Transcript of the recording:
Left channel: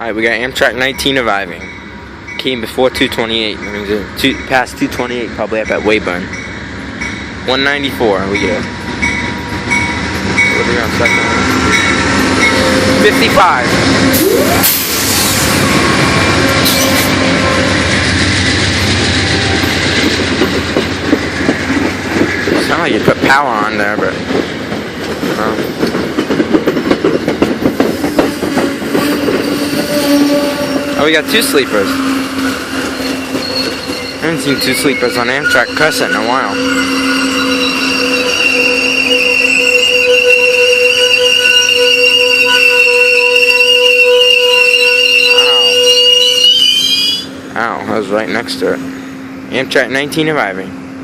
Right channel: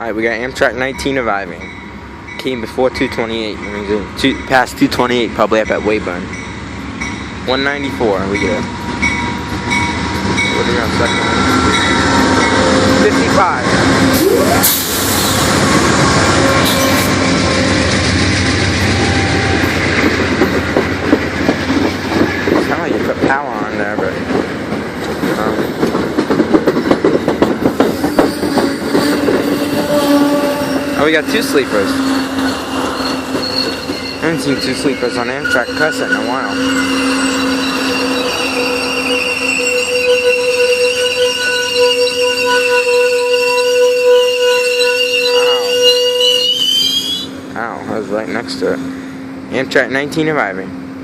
Alright, we got Amtrak 19 arriving. Came before 228. That means past 228, probably up at Weyburn. 194, we get it. What are we on second? 55. Sound like you put power on there, but oh, we got two sleepers. I haven't seen two sleepers on Amtrak Crescent in a while. Ow. Ow, I was right next to it. Amtrak 19 arriving.